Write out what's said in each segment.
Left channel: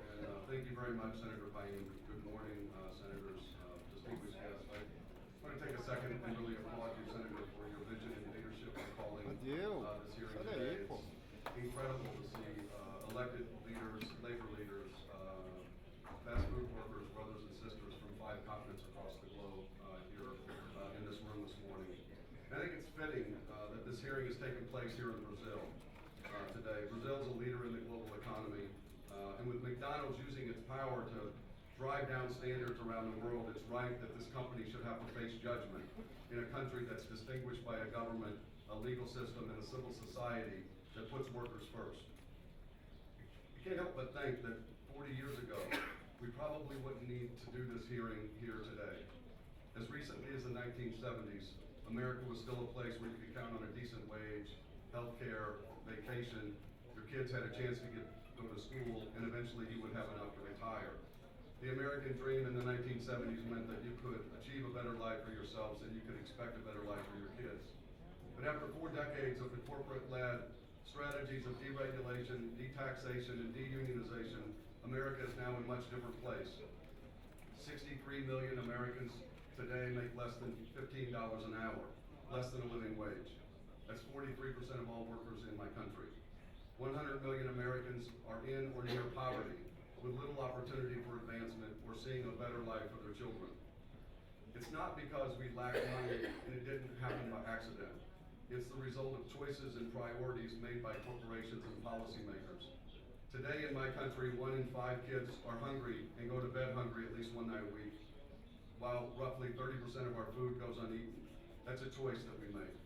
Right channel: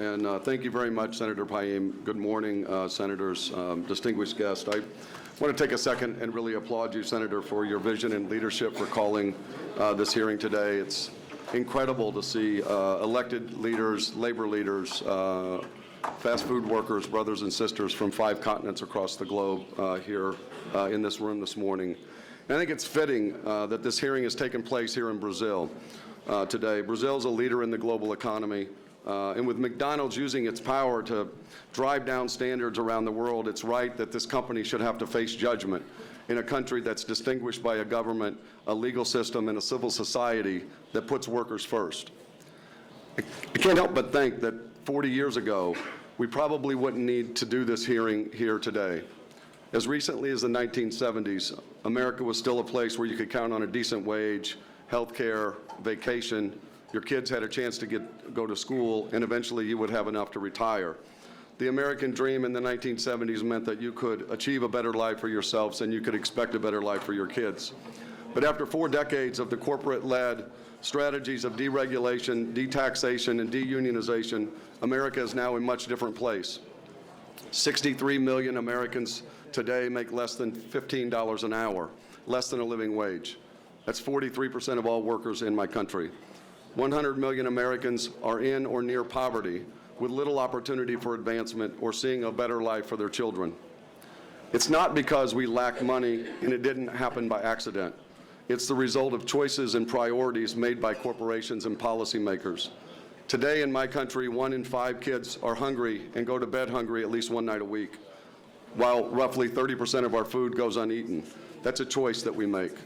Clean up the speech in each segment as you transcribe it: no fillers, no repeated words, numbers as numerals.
and thank you very much, Senator Payne. Good morning, Senators, distinguished guests. I want to take a second and really applaud you, Senator, for your vision and leadership for calling this hearing today. It's incredible to see elected leaders, labor leaders, fast food workers, brothers and sisters from 5 continents across the globe here in this room this morning. And I think it's fitting that this hearing has taken place here in Brazil today. Brazil is a leader in the global economy, and with McDonald's using its power to drive down standards around the world, it's right that this company should have to face judgment in a country that's distinguished by a government, a legal system, and a civil society that puts workers first. I can't help but think that 40 years ago, we probably wouldn't need to do this hearing here today. As recently as the 1970s, America was still a place where you could count on a decent wage, health care, vacation, your kids had a chance to go to school, and eventually you would have enough to retire. The American dream in the 1970s meant that you could achieve a better life for yourselves and you could expect a better life for your kids. But after 4 decades of the corporate-led strategies of deregulation, detaxation, and deunionization, America is now in a much different place. 63 million Americans today make less than $15 an hour, less than a living wage. That's 43% of all workers in my country. 100 million Americans are in or near poverty with little opportunity for advancement or seeing a better life for their children. It's not because we lack money and it didn't happen by accident. It's the result of choices and priorities made by corporations and policymakers. Today in my country, 1 in 5 kids are hungry and go to bed hungry at least 1 night a week, while roughly 30% of our food goes uneaten. That's a choice that we make.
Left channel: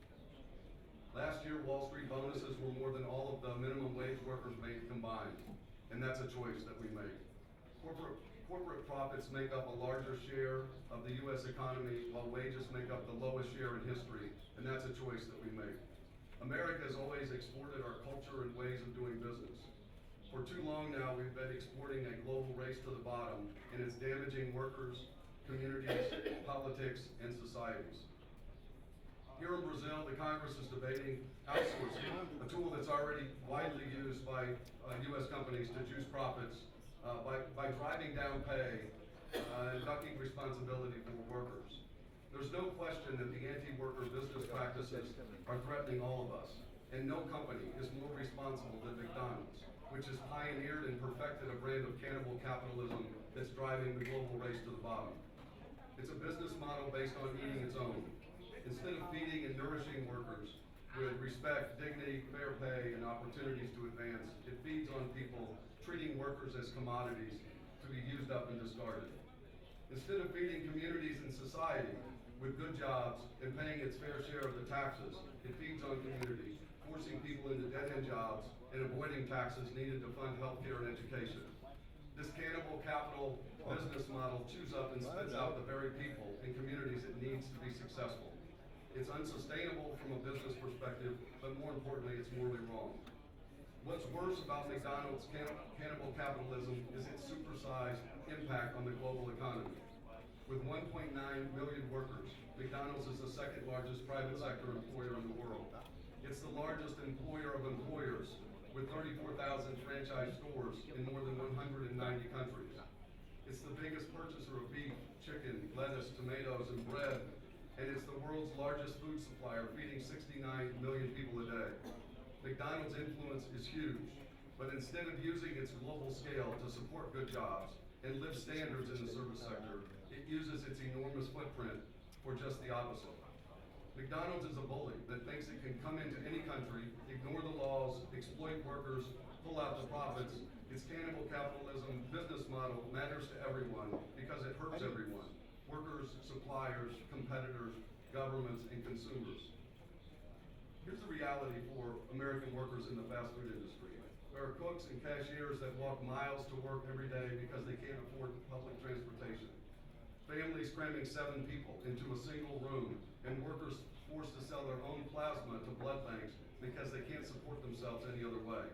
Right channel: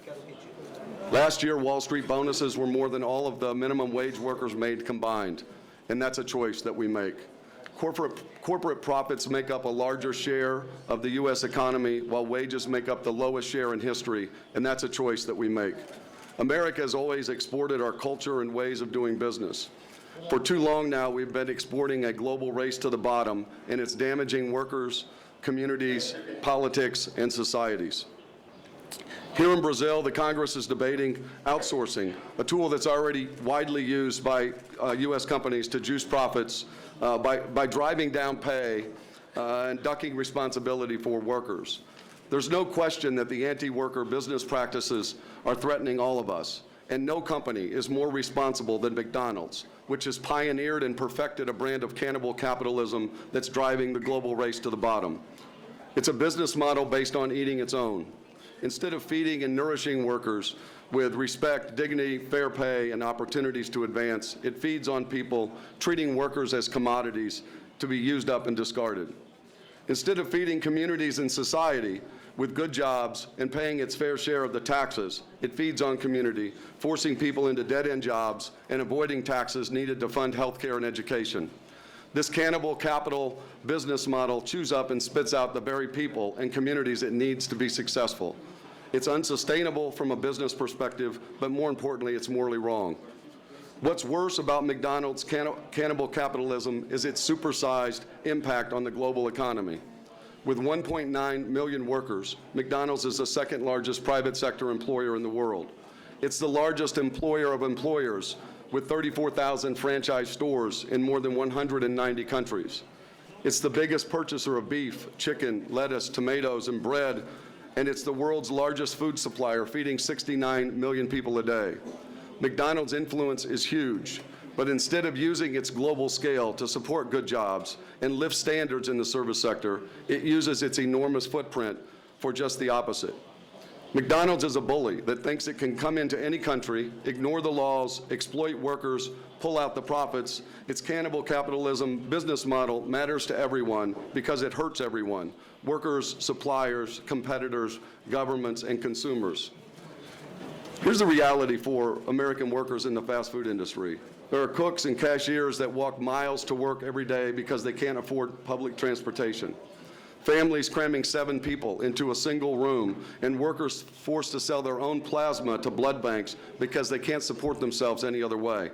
Last year, Wall Street bonuses were more than all of the minimum wage workers made combined, and that's a choice that we make. Corporate profits make up a larger share of the U.S. economy, while wages make up the lowest share in history, and that's a choice that we make. America has always exported our culture and ways of doing business. For too long now, we've been exporting a global race to the bottom, and it's damaging workers, communities, politics, and societies. Here in Brazil, the Congress is debating outsourcing, a tool that's already widely used by U.S. companies to juice profits by driving down pay and ducking responsibility for workers. There's no question that the anti-worker business practices are threatening all of us, and no company is more responsible than McDonald's, which has pioneered and perfected a brand of cannibal capitalism that's driving the global race to the bottom. It's a business model based on eating its own. Instead of feeding and nourishing workers with respect, dignity, fair pay, and opportunities to advance, it feeds on people, treating workers as commodities to be used up and discarded. Instead of feeding communities and society with good jobs and paying its fair share of the taxes, it feeds on community, forcing people into dead-end jobs and avoiding taxes needed to fund health care and education. This cannibal capital business model chews up and spits out the very people and communities it needs to be successful. It's unsustainable from a business perspective, but more importantly, it's morally wrong. What's worse about McDonald's cannibal capitalism is its supersized impact on the global economy. With 1.9 million workers, McDonald's is the 2nd largest private sector employer in the world. It's the largest employer of employers, with 34,000 franchise stores in more than 190 countries. It's the biggest purchaser of beef, chicken, lettuce, tomatoes, and bread, and it's the world's largest food supplier, feeding 69 million people a day. McDonald's influence is huge, but instead of using its global scale to support good jobs and lift standards in the service sector, it uses its enormous footprint for just the opposite. McDonald's is a bully that thinks it can come into any country, ignore the laws, exploit workers, pull out the profits. Its cannibal capitalism business model matters to everyone because it hurts everyone: workers, suppliers, competitors, governments, and consumers. Here's the reality for American workers in the fast food industry. There are cooks and cashiers that walk miles to work every day because they can't afford public transportation. Families cramming 7 people into a single room, and workers forced to sell their own plasma to blood banks because they can't support themselves any other way.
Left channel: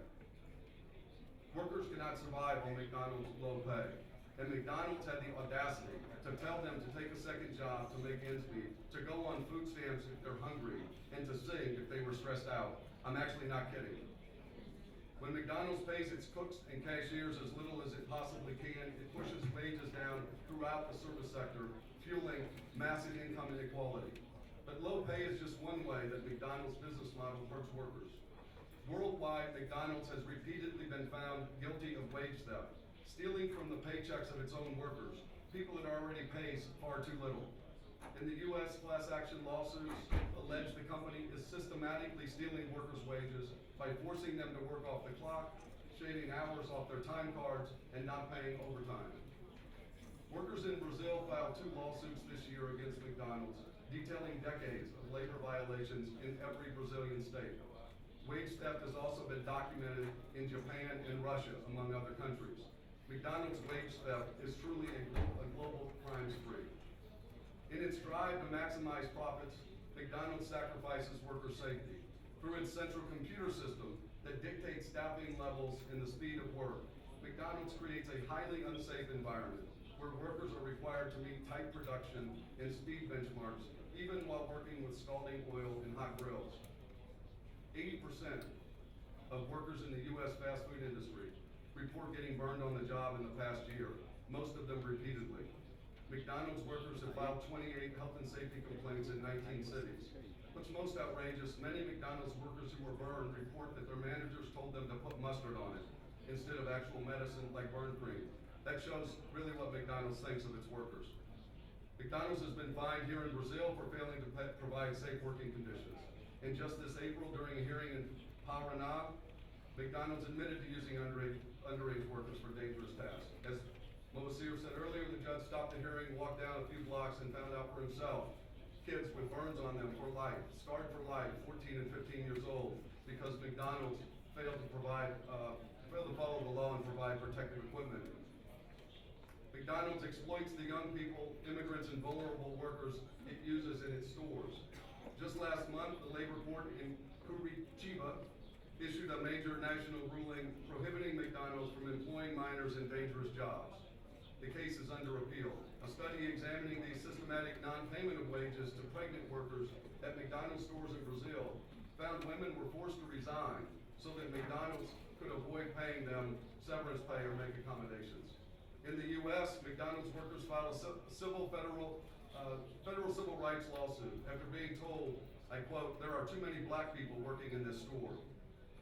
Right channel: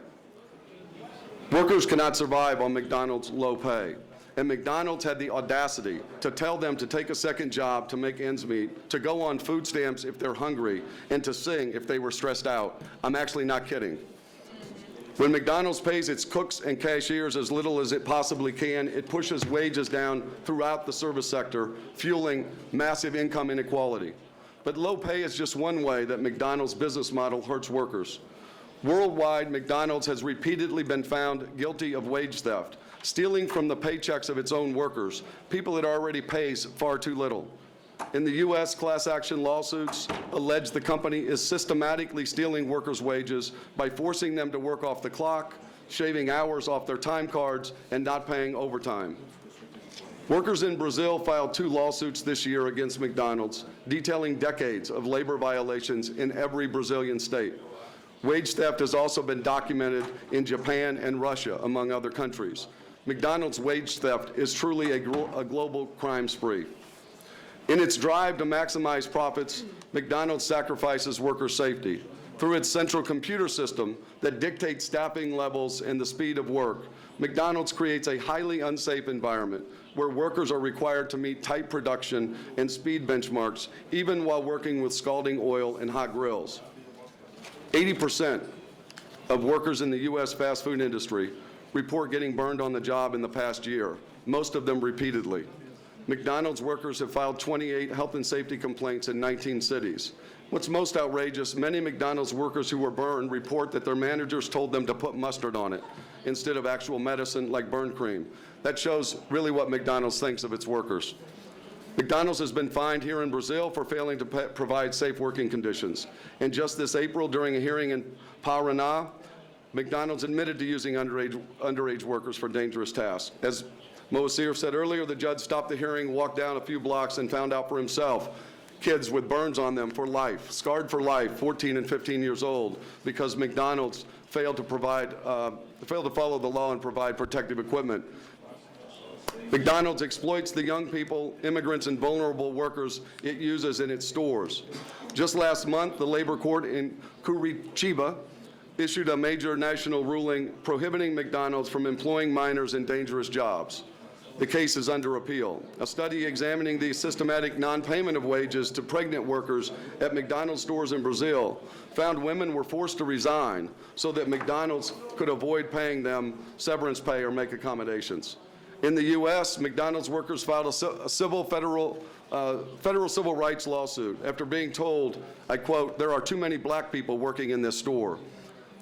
Workers cannot survive on McDonald's low pay, and McDonald's had the audacity to tell them to take a second job to make ends meet, to go on food stamps if they're hungry, and to sing if they were stressed out. I'm actually not kidding. When McDonald's pays its cooks and cashiers as little as it possibly can, it pushes wages down throughout the service sector, fueling massive income inequality. But low pay is just one way that McDonald's business model hurts workers. Worldwide, McDonald's has repeatedly been found guilty of wage theft, stealing from the paychecks of its own workers, people it already pays far too little. In the U.S., class action lawsuits allege the company is systematically stealing workers' wages by forcing them to work off the clock, shaving hours off their time cards, and not paying overtime. Workers in Brazil filed 2 lawsuits this year against McDonald's, detailing decades of labor violations in every Brazilian state. Wage theft has also been documented in Japan and Russia, among other countries. McDonald's wage theft is truly a global crime spree. In its drive to maximize profits, McDonald's sacrifices worker safety. Through its central computer system that dictates staffing levels and the speed of work, McDonald's creates a highly unsafe environment where workers are required to meet tight production and speed benchmarks, even while working with scalding oil and hot grills. 80% of workers in the U.S. fast food industry report getting burned on the job in the past year, most of them repeatedly. McDonald's workers have filed 28 health and safety complaints in 19 cities. What's most outrageous, many McDonald's workers who were burned report that their managers told them to put mustard on it instead of actual medicine like burn cream. That shows really what McDonald's thinks of its workers. McDonald's has been fined here in Brazil for failing to provide safe working conditions. And just this April, during a hearing in Paraná, McDonald's admitted to using underage workers for dangerous tasks. As Moacir said earlier, the judge stopped the hearing, walked down a few blocks, and found out for himself kids with burns on them for life, scarred for life, 14 and 15 years old, because McDonald's failed to follow the law and provide protective equipment. McDonald's exploits the young people, immigrants, and vulnerable workers it uses in its stores. Just last month, the labor court in Curitiba issued a major national ruling prohibiting McDonald's from employing minors in dangerous jobs. The case is under appeal. A study examining the systematic non-payment of wages to pregnant workers at McDonald's stores in Brazil found women were forced to resign so that McDonald's could avoid paying them severance pay or make accommodations. In the U.S., McDonald's workers filed a federal civil rights lawsuit after being told, I quote, "There are too many black people working in this store."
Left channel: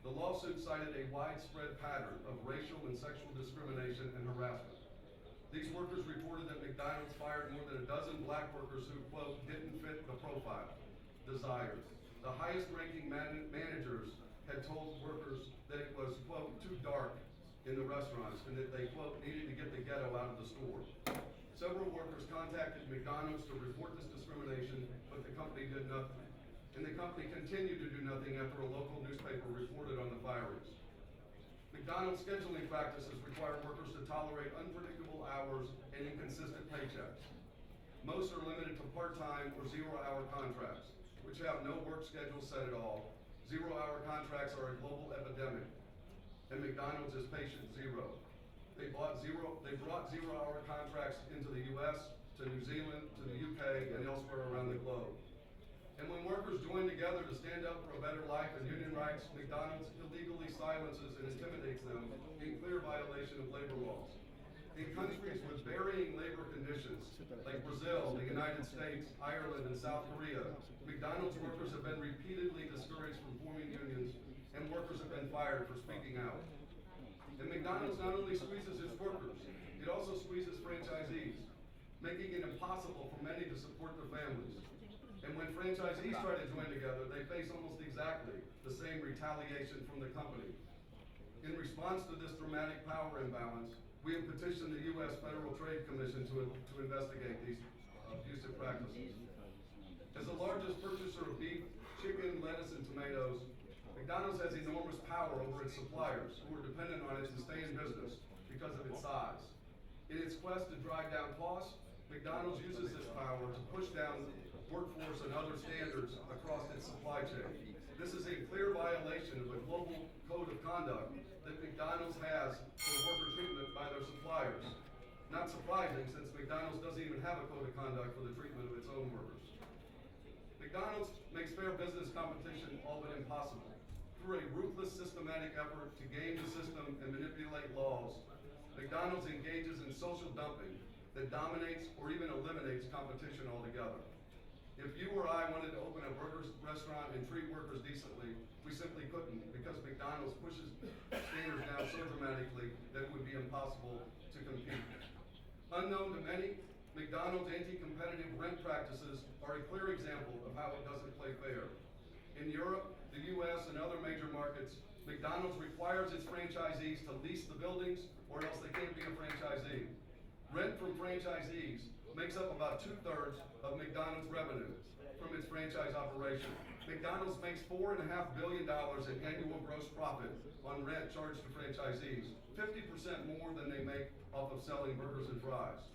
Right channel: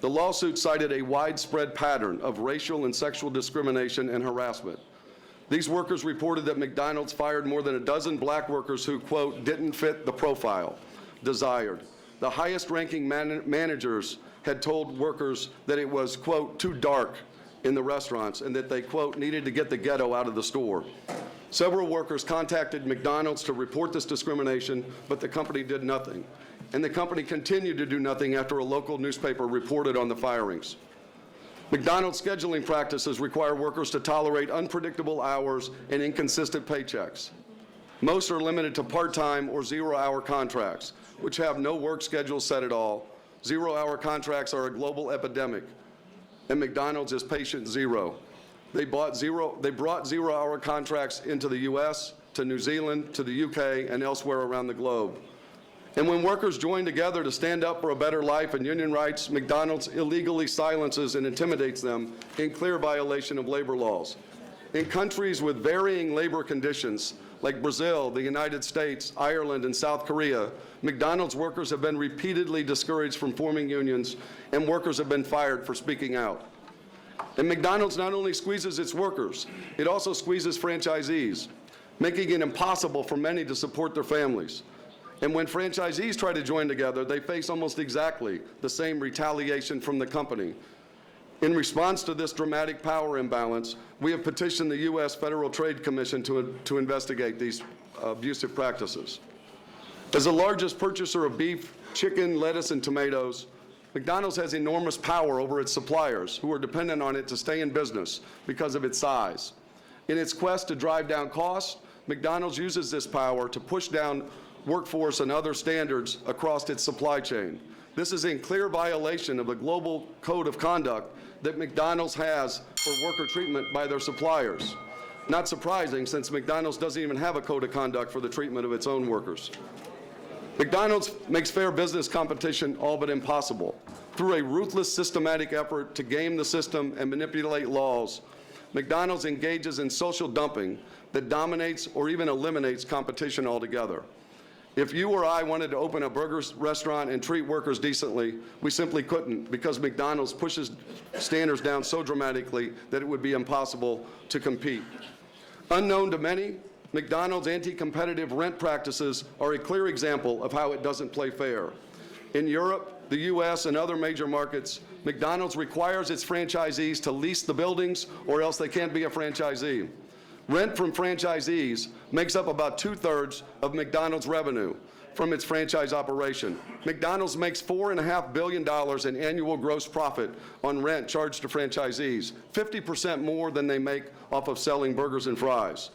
The lawsuit cited a widespread pattern of racial and sexual discrimination and harassment. These workers reported that McDonald's fired more than a dozen black workers who, quote, "didn't fit the profile desired." The highest-ranking managers had told workers that it was, quote, "too dark" in the restaurants and that they, quote, "needed to get the ghetto out of the store." Several workers contacted McDonald's to report this discrimination, but the company did nothing. And the company continued to do nothing after a local newspaper reported on the firings. McDonald's scheduling practices require workers to tolerate unpredictable hours and inconsistent paychecks. Most are limited to part-time or zero-hour contracts, which have no work schedule set at all. Zero-hour contracts are a global epidemic, and McDonald's is patient zero. They brought zero-hour contracts into the U.S., to New Zealand, to the U.K., and elsewhere around the globe. And when workers join together to stand up for a better life and union rights, McDonald's illegally silences and intimidates them in clear violation of labor laws. In countries with varying labor conditions, like Brazil, the United States, Ireland, and South Korea, McDonald's workers have been repeatedly discouraged from forming unions, and workers have been fired for speaking out. And McDonald's not only squeezes its workers, it also squeezes franchisees, making it impossible for many to support their families. And when franchisees try to join together, they face almost exactly the same retaliation from the company. In response to this dramatic power imbalance, we have petitioned the U.S. Federal Trade Commission to investigate these abusive practices. As the largest purchaser of beef, chicken, lettuce, and tomatoes, McDonald's has enormous power over its suppliers who are dependent on it to stay in business because of its size. In its quest to drive down costs, McDonald's uses this power to push down workforce and other standards across its supply chain. This is in clear violation of the global code of conduct that McDonald's has for worker treatment by their suppliers. Not surprising, since McDonald's doesn't even have a code of conduct for the treatment of its own workers. McDonald's makes fair business competition all but impossible. Through a ruthless, systematic effort to game the system and manipulate laws, McDonald's engages in social dumping that dominates or even eliminates competition altogether. If you or I wanted to open a burger restaurant and treat workers decently, we simply couldn't, because McDonald's pushes standards down so dramatically that it would be impossible to compete. Unknown to many, McDonald's anti-competitive rent practices are a clear example of how it doesn't play fair. In Europe, the US, and other major markets, McDonald's requires its franchisees to lease the buildings or else they can't be a franchisee. Rent from franchisees makes up about 2/3 of McDonald's revenue from its franchise operation. McDonald's makes $4.5 billion in annual gross profit on rent charged to franchisees, 50% more than they make off of selling burgers and fries.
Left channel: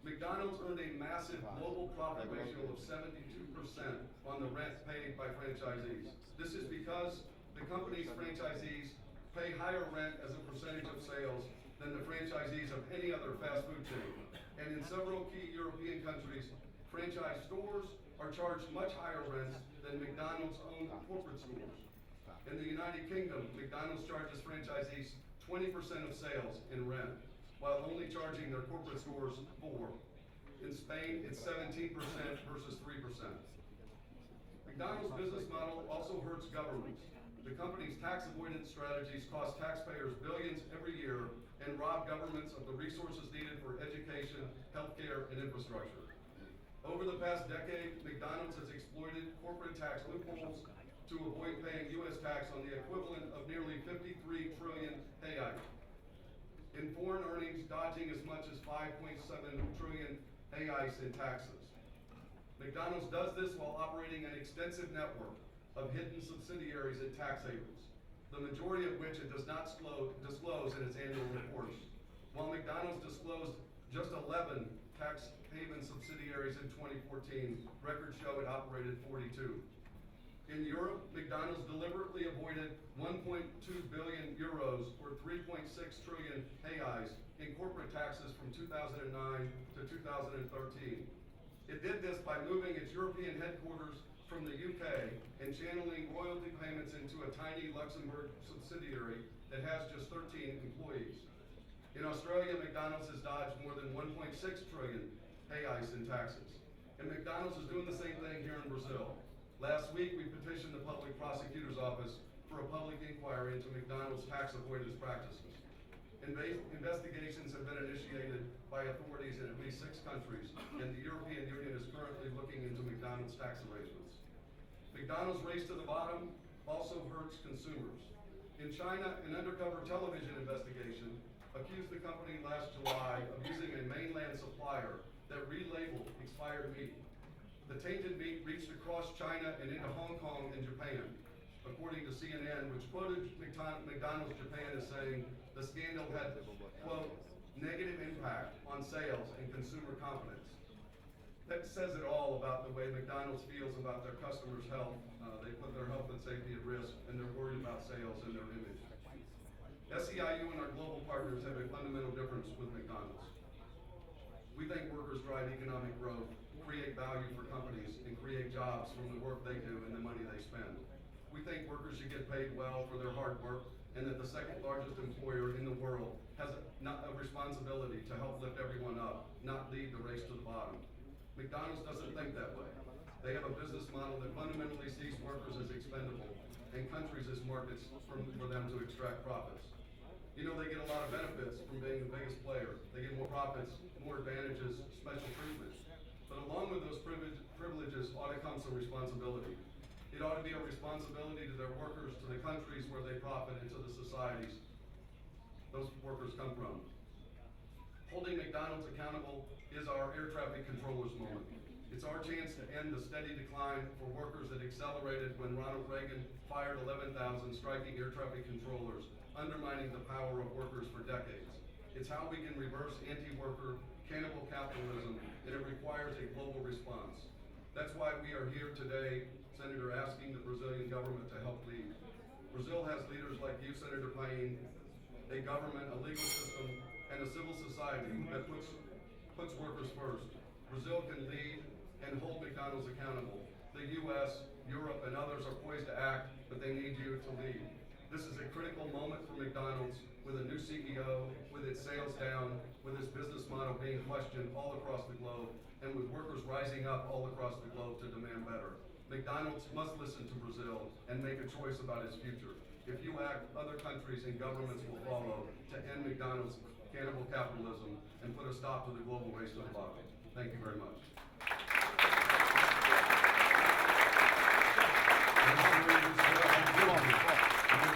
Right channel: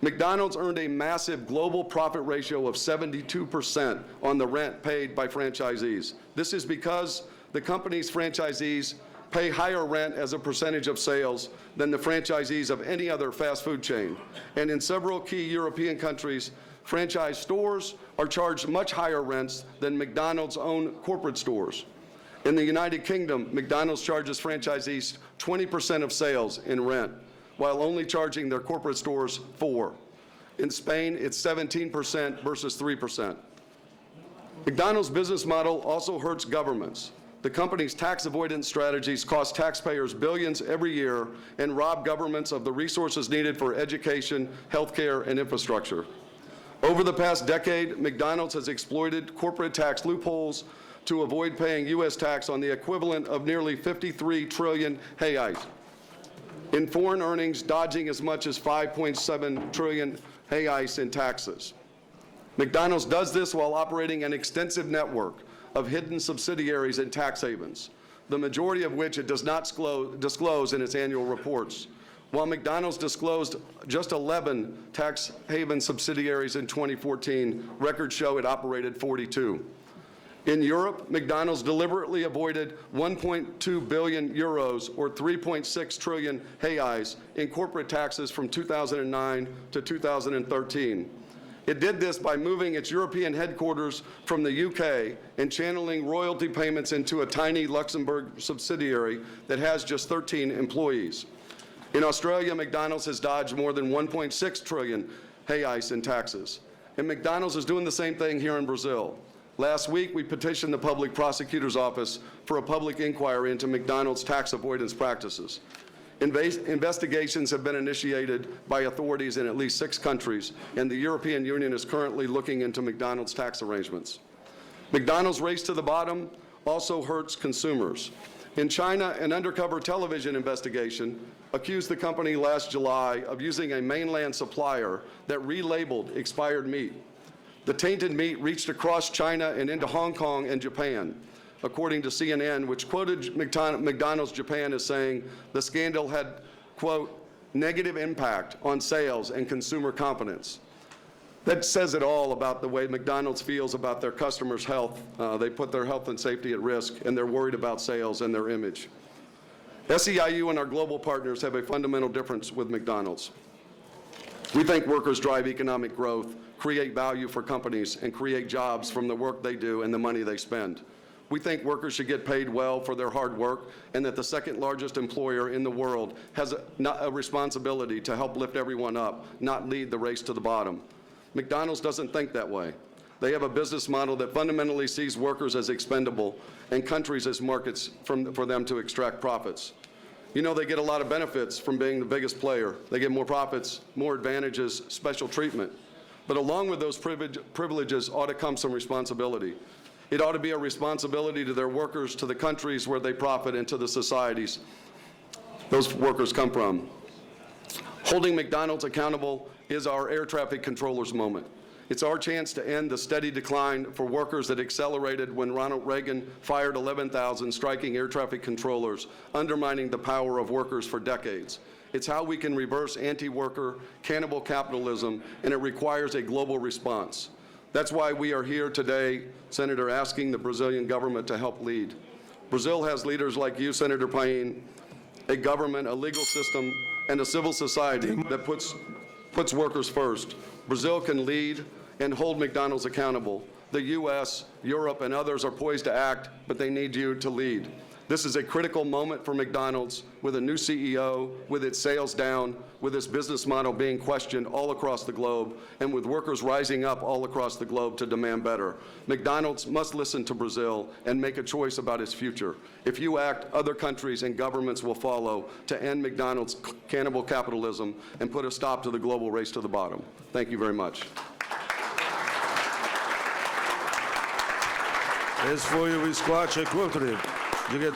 McDonald's earned a massive global profit ratio of 72% on the rent paid by franchisees. This is because the company's franchisees pay higher rent as a percentage of sales than the franchisees of any other fast food chain. And in several key European countries, franchise stores are charged much higher rents than McDonald's own corporate stores. In the United Kingdom, McDonald's charges franchisees 20% of sales in rent, while only charging their corporate stores 4%. In Spain, it's 17% versus 3%. McDonald's business model also hurts governments. The company's tax avoidance strategies cost taxpayers billions every year and rob governments of the resources needed for education, healthcare, and infrastructure. Over the past decade, McDonald's has exploited corporate tax loopholes to avoid paying U.S. tax on the equivalent of nearly 53 trillion reais in foreign earnings, dodging as much as 5.7 trillion reais in taxes. McDonald's does this while operating an extensive network of hidden subsidiaries and tax havens, the majority of which it does not disclose in its annual reports. While McDonald's disclosed just 11 tax haven subsidiaries in 2014, records show it operated 42. In Europe, McDonald's deliberately avoided 1.2 billion euros, or 3.6 trillion reais, in corporate taxes from 2009 to 2013. It did this by moving its European headquarters from the UK and channeling royalty payments into a tiny Luxembourg subsidiary that has just 13 employees. In Australia, McDonald's has dodged more than 1.6 trillion reais in taxes. And McDonald's is doing the same thing here in Brazil. Last week, we petitioned the Public Prosecutor's Office for a public inquiry into McDonald's tax avoidance practices. Investigations have been initiated by authorities in at least 6 countries, and the European Union is currently looking into McDonald's tax arrangements. McDonald's race to the bottom also hurts consumers. In China, an undercover television investigation accused the company last July of using a mainland supplier that relabeled expired meat. The tainted meat reached across China and into Hong Kong and Japan, according to CNN, which quoted McDonald's Japan as saying the scandal had, quote, negative impact on sales and consumer confidence. That says it all about the way McDonald's feels about their customers' health. They put their health and safety at risk, and they're worried about sales and their image. SEIU and our global partners have a fundamental difference with McDonald's. We think workers drive economic growth, create value for companies, and create jobs from the work they do and the money they spend. We think workers should get paid well for their hard work, and that the second largest employer in the world has a responsibility to help lift everyone up, not lead the race to the bottom. McDonald's doesn't think that way. They have a business model that fundamentally sees workers as expendable and countries as markets for them to extract profits. You know, they get a lot of benefits from being the biggest player. They get more profits, more advantages, special treatment. But along with those privileges ought to come some responsibility. It ought to be a responsibility to their workers, to the countries where they profit, and to the societies those workers come from. Holding McDonald's accountable is our air traffic controllers moment. It's our chance to end the steady decline for workers that accelerated when Ronald Reagan fired 11,000 striking air traffic controllers, undermining the power of workers for decades. It's how we can reverse anti-worker, cannibal capitalism, and it requires a global response. That's why we are here today, Senator, asking the Brazilian government to help lead. Brazil has leaders like you, Senator Paine, a government, a legal system, and a civil society that puts workers first. Brazil can lead and hold McDonald's accountable. The U.S., Europe, and others are poised to act but they need you to lead. This is a critical moment for McDonald's, with a new CEO, with its sales down, with its business model being questioned all across the globe, and with workers rising up all across the globe to demand better. McDonald's must listen to Brazil and make a choice about its future. If you act, other countries and governments will follow to end McDonald's cannibal capitalism and put a stop to the global race to the bottom. Thank you very much. Esse foi o Squat Courtney, diretor